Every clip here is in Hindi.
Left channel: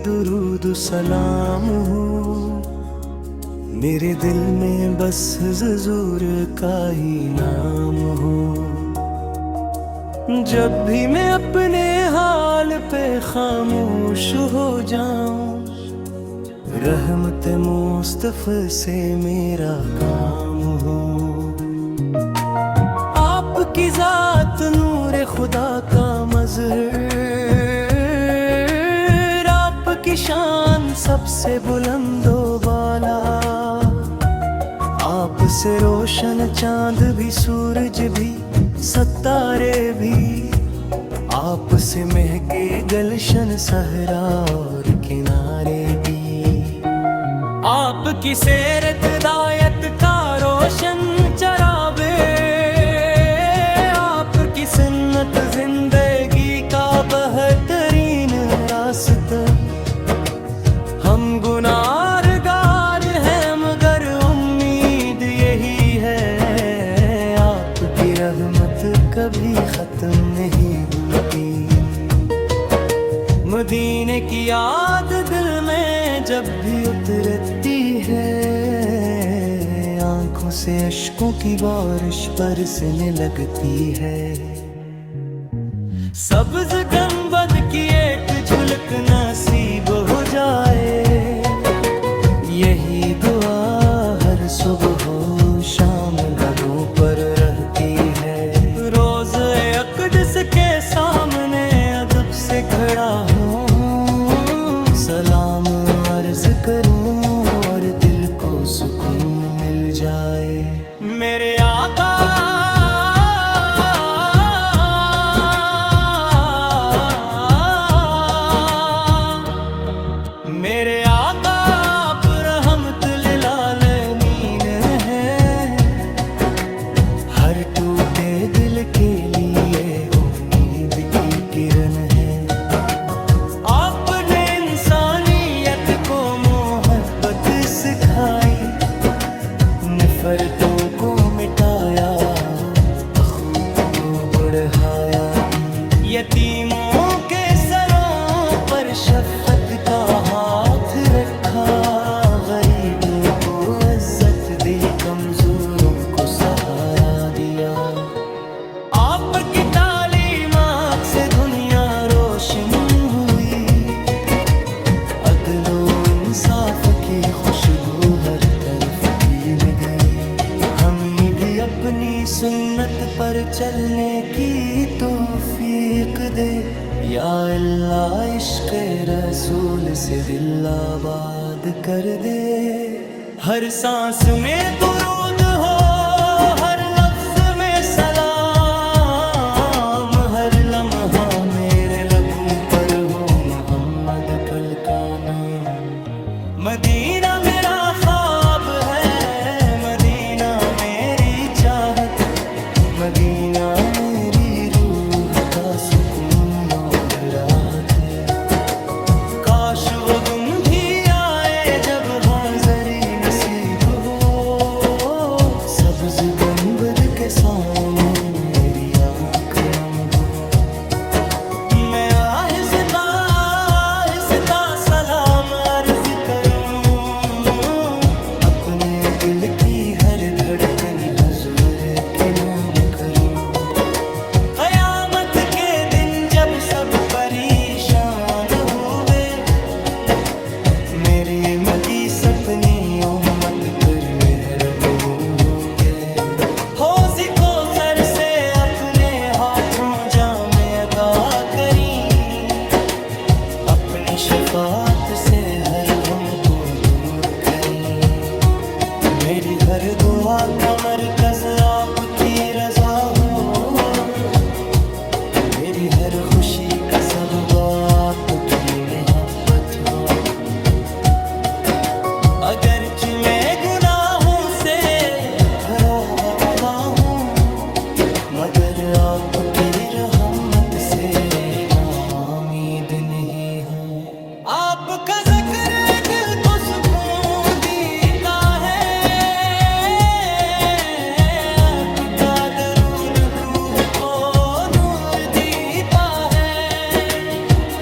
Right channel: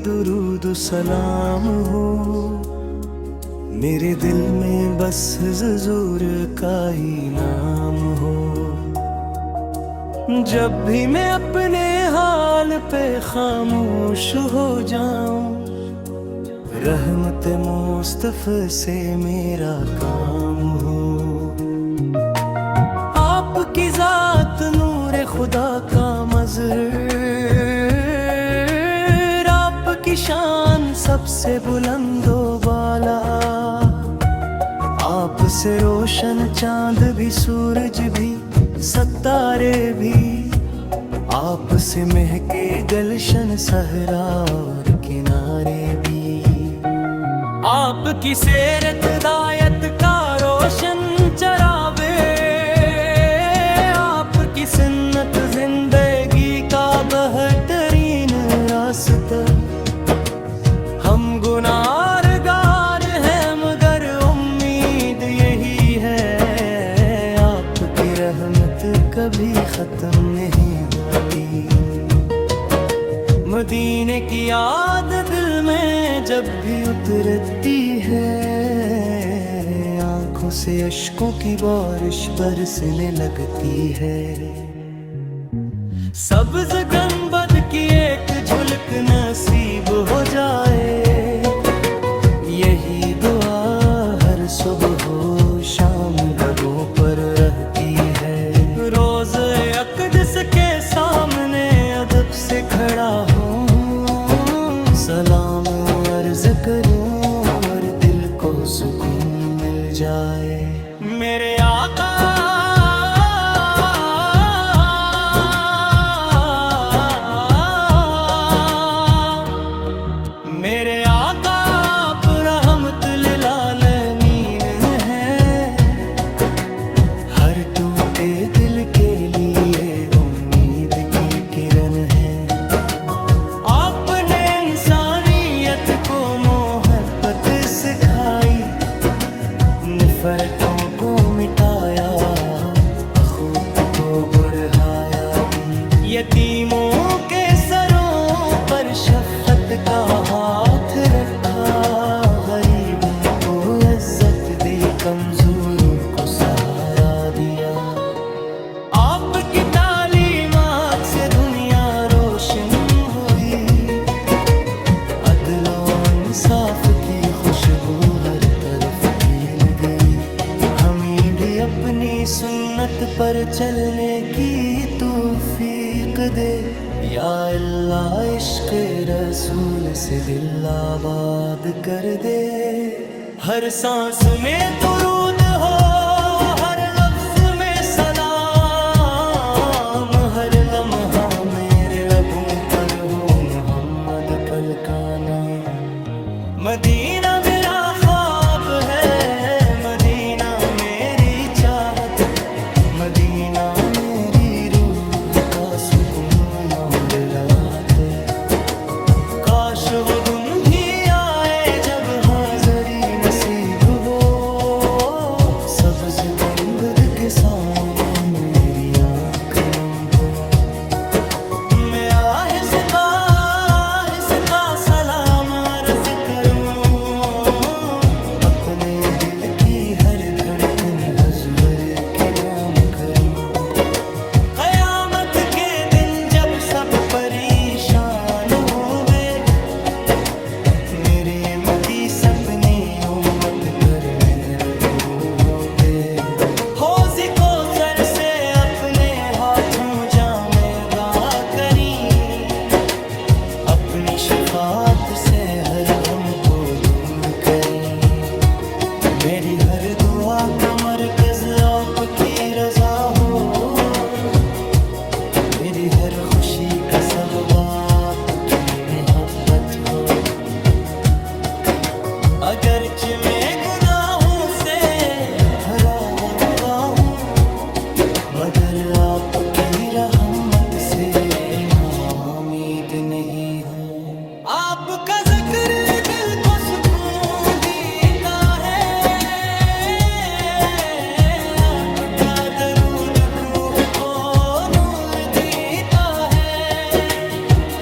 दुरूद सलाम हो, मेरे दिल में बस हुजूर का ही नाम हो। जब भी मैं अपने हाल पे खामोश हो जाऊं, रहमत मुस्तफ़ा से मेरा काम हो। आपकी जात नूर खुदा का मज़हर, आपकी शान सबसे बुलंदो बाला। आपसे रोशन चांद भी, सूरज भी, सितारे भी। आपसे महके गलशन सहरा और किनारे भी। आपकी सेरत दायत का रोशन चरावे, आपकी सुन्नत जिंदगी का बेहतरीन रास्ता। हम गुनाहगार हैं मगर उम्मीद यही है, आपकी रहमत कभी खत्म नहीं होती। मदीने की याद दिल में जब भी उतरती है, आंखों से अश्कों की बारिश बरसने लगती है। सब्ज गंबद की एक झुलक नसीब हो जाए, यही दुआ हर सुबह हो शाम लबों पर रहती है। रोज अक़दस के सामने अदब से खड़ा हूँ, सलाम अर्ज करूँ और दिल को सुकून मिल जाए। मेरे आका मेरे आका आप रहमत लिल आलमीन हैं, हर टूटे दिल के लिए उम्मीद की किरण है। आपने इंसानियत को मोहब्बत सिखाई, नफरतों को मिटाया, अखूत को बढ़ाया। यतीमों के सरों पर शफ़क़त का हाथ रखा, गरीबों को इज्जत दी, कमजोरों को सहारा दिया। आपकी तालीमात से दुनिया रोशन हुई, अदलो इंसाफ की खुशबू हर तरफ फैल गई। हमें भी अपनी सुन्नत पर चलने की तौफीक दे, या अल्लाह इश्क़ रसूल से दिल आबाद कर दे। हर सांस में दुरूद हो, हर लफ्ज़ में सलाम, हर लम्हा मेरे लबों पर हो मोहम्मद पल का नाम। मदीना मेरा ख्वाब है, मदीना मेरी चाहत, मदीना मेरी रूह का सुकून और राहत। काश वो दिन भी आए जब हाज़री नसीब हो, सब्ज़ गंबद के सामने मेरी आँख नम हो। मैं आहिस्ता आहिस्ता सलाम अर्ज़ करूं, अपने दिल की हर धड़कन हुज़ूर के नाम करूं। क़यामत के दिन जब सब परेशान हुए, मेरे मदी सपने उम्मत पर मेहरबान हो गए। हौज़ को सर से अपने हाथों जामे अगा करी, अपनी शफ़ाअत से हर गम को दूर करी। मेरी हर दुआ का मरकज़ आपकी रज़ा हो, मेरी हर खुशी का सबब आपकी मोहब्बत हो। अगरचे मैं गुनाहों से भरा हुआ हूँ, मगर आपकी रहमत से नाउम्मीद नहीं है। आपका ज़िक्र दिल को सुकून देता है, आपका दरूद रूह को नूर देता है।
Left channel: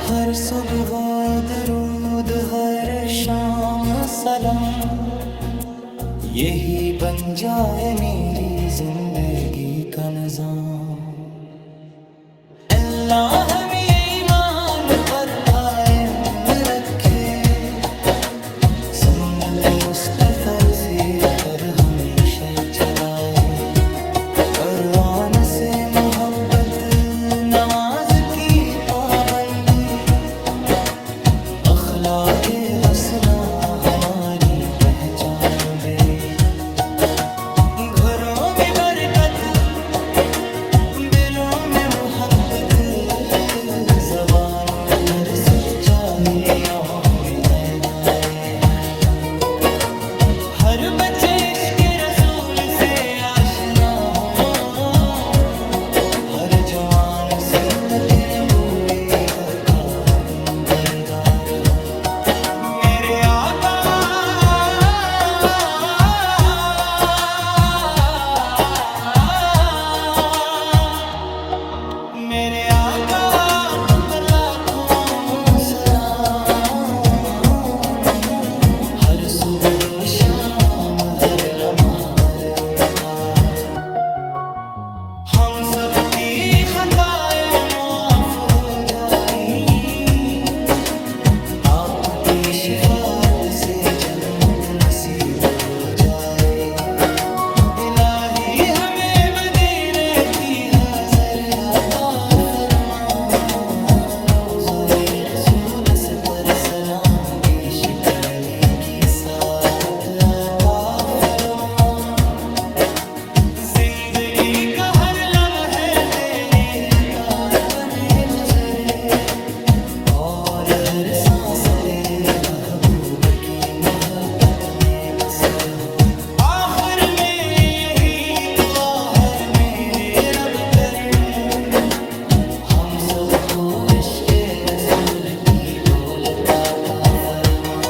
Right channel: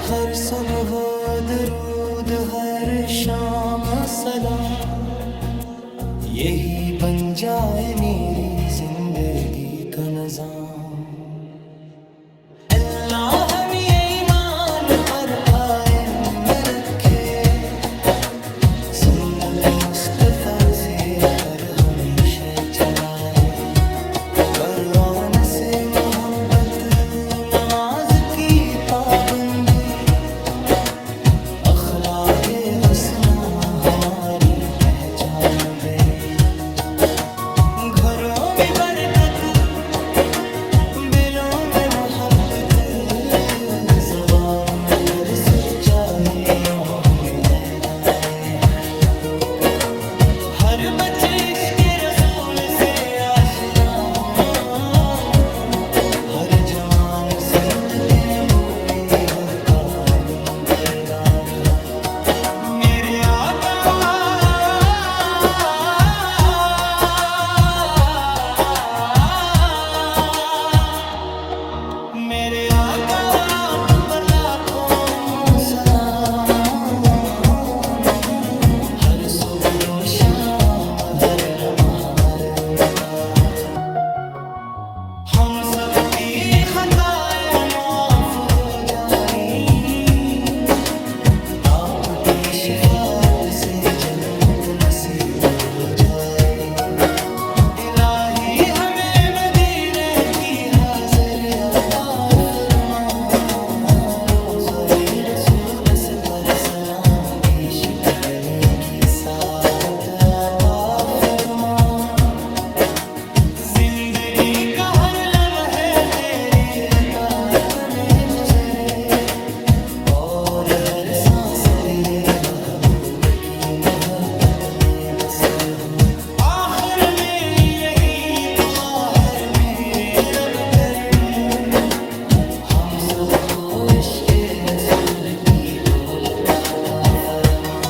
हर हर सुबह दरूद, हर शाम सलाम, यही बन जाए मेरी जिंदगी का निजाम। अल्लाह हमें ईमान पर कायम रखे, सुन्नत मुस्तफा से पर हमेशा चलाए। कुरान से मोहब्बत, नमाज की पाबंदी, अखलाके हसना हमारी पहचान बने। घरों में बरकत, दिलों में मोहब्बत, ज़बानों पर सच्चाई, आँखों में ऐनाए हैं। हर बच्चे इश्क़ रसूल से आशना हो, हर जवान सुन्नत नबूवी का बरदार हो। मेरे आका मेरे आका आप पर लाखों सलाम। हर सुबह हो शाम, हर लम्हा मरमता, हम सबकी खताएं माफ हो जाई। आपकी शिफात से जन्नत नसीब हो जाए। इलाही हमें मदीने की हाज़रिया अता फरमा, रोज़े रसूल पर सलाम पेश करने की सादत अता फरमा। जिंदगी का हर लम्हे तेरी इताअत में गुजरे, और हर सांस तेरे महबूब की मोहब्बत में बसर हो। आखिर में यही दुआ है मेरे रब करीम, हम सबको इश्क़ रसूल की दौलत अता फरमा।